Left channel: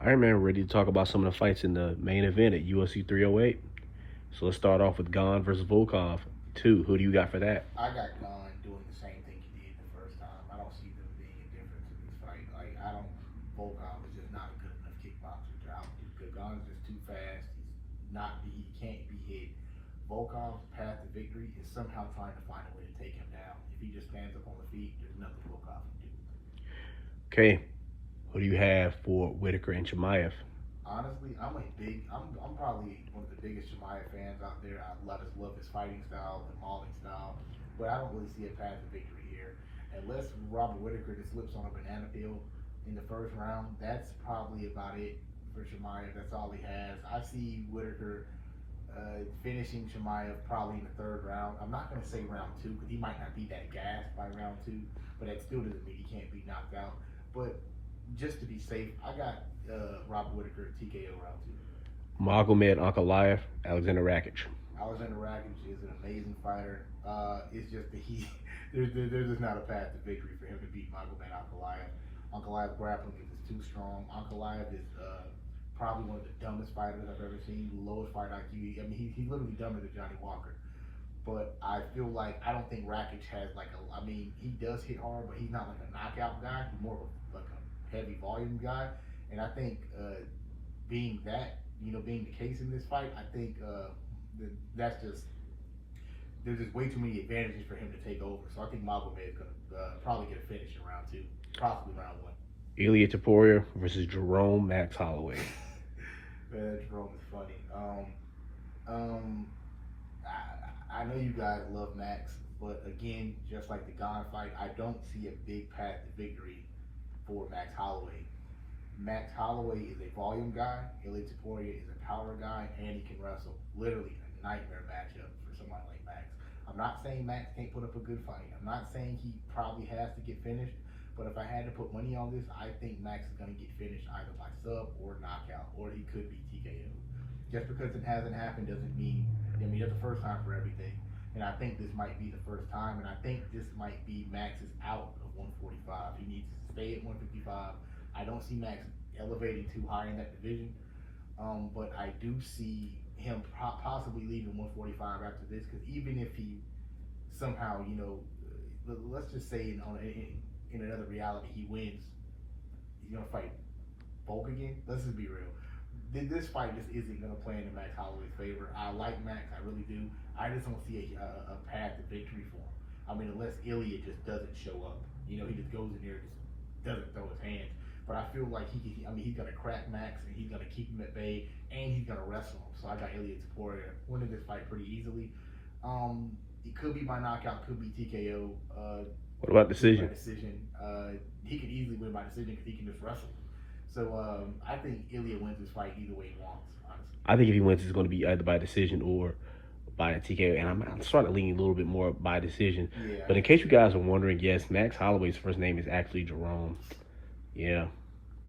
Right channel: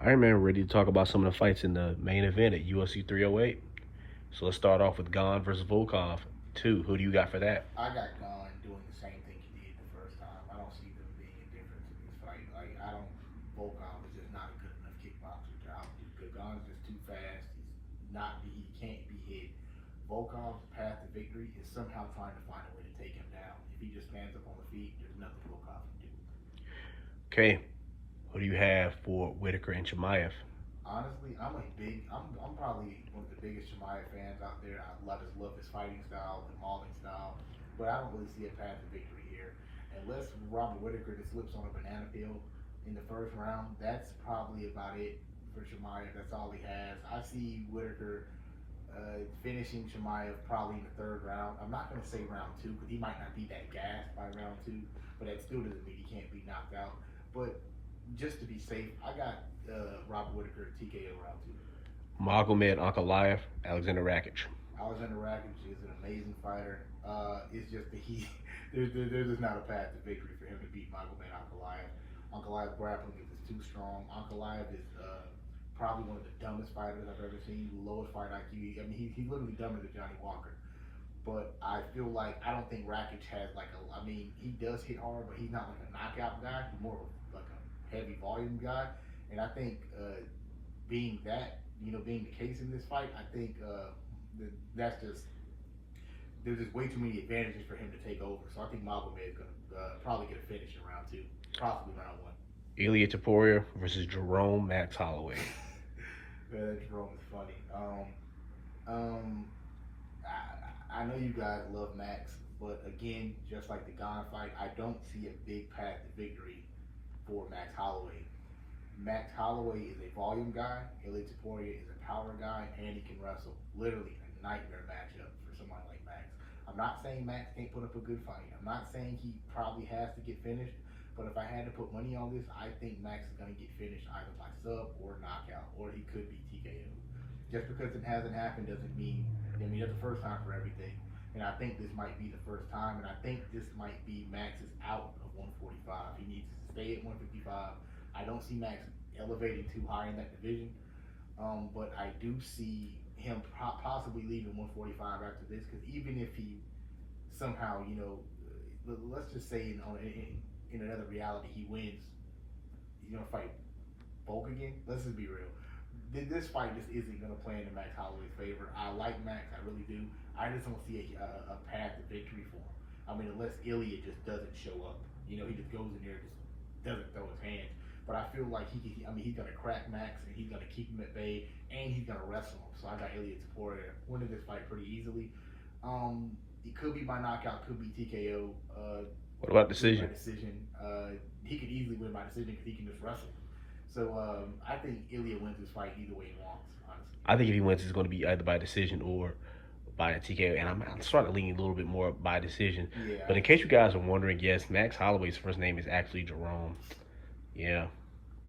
All right, man, we're ready to talk about some of the fights in the main event at UFC 308. So let's start off with Gane versus Volkov 2. Who do you got for that? I got Gane doing the same thing he did the first time. I don't see them being indifferent to this fight. Like, I don't. Volkov is just not a good enough kickboxer. Gane is just too fast. He can't be hit. Volkov's path to victory is somehow trying to find a way to take him down. If he just stands up on the feet, there's nothing Volkov can do. Okay, who do you have for Whitaker and Chimaev? Honestly, I'm probably one of the biggest Chimaev fans out there. I just love his fighting style, the mauling style, but I don't really see a path to victory here. Unless Robert Whitaker just slips on a banana peel in the first round, that's probably about it for Chimaev. That's all he has. I see Whitaker finishing Chimaev probably in the third round. I'm not going to say round two because he might not be that gassed by round two, but that still doesn't mean he can't be knocked out. But just to be safe, I got Robert Whitaker TKO round two. Magomed Ankalaev, Alexander Rakic. Alexander Rakic is an amazing fighter. It's just that there's just not a path to victory for him to beat Magomed Ankalaev. Ankalaev grappling is too strong. Ankalaev is probably one of the dumbest fighters I've ever seen. Lowest fight IQ. I mean, he's literally dumber than Johnny Walker. But I feel like I don't think Rakic has I mean, he does hit hard, but he's not like a knockout guy. He's more of like a heavy volume guy. And I think being the case in this fight, I think there's just way too many advantages for him to take over. So I think Magomed is going to probably get a finish in round two, possibly round one. Ilia Topuria versus Jerome Max Holloway. Man, Jerome is funny. I know you guys love Max, but again, just like the Gane fight, I don't see a big path to victory for Max Holloway. Max Holloway is a volume guy. Ilia Topuria is a power guy, and he can wrestle. Literally a nightmare matchup for someone like Max. I'm not saying Max can't put up a good fight. I'm not saying he probably has to get finished. But if I had to put money on this, I think Max is going to get finished either by sub or knockout, or he could be TKO. Just because it hasn't happened doesn't mean, that's the first time for everything. And I think this might be the first time, and I think this might be Max's out of 145. He needs to stay at 155. I don't see Max elevating too high in that division, but I do see him possibly leaving 145 after this, because even if he somehow, let's just say in another reality, he wins, he's going to fight Volk again. Let's just be real. This fight just isn't going to play in Max Holloway's favor. I like Max, I really do. I just don't see a path to victory for him. I mean, unless Ilia just doesn't show up. He just goes in there and just doesn't throw his hands. But I feel like he's going to crack Max, and he's going to keep him at bay, and he's going to wrestle him. So I got Ilia Topuria winning this fight pretty easily. It could be by knockout, could be TKO. What about decision? He could easily win by decision because he can just wrestle. So I think Ilia wins this fight either way he wants, honestly. I think if he wins, it's going to be either by decision or by a TKO. And I'm starting to lean a little bit more by decision. Yeah. But in case you guys are wondering, yes, Max Holloway's first name is actually Jerome. Yeah.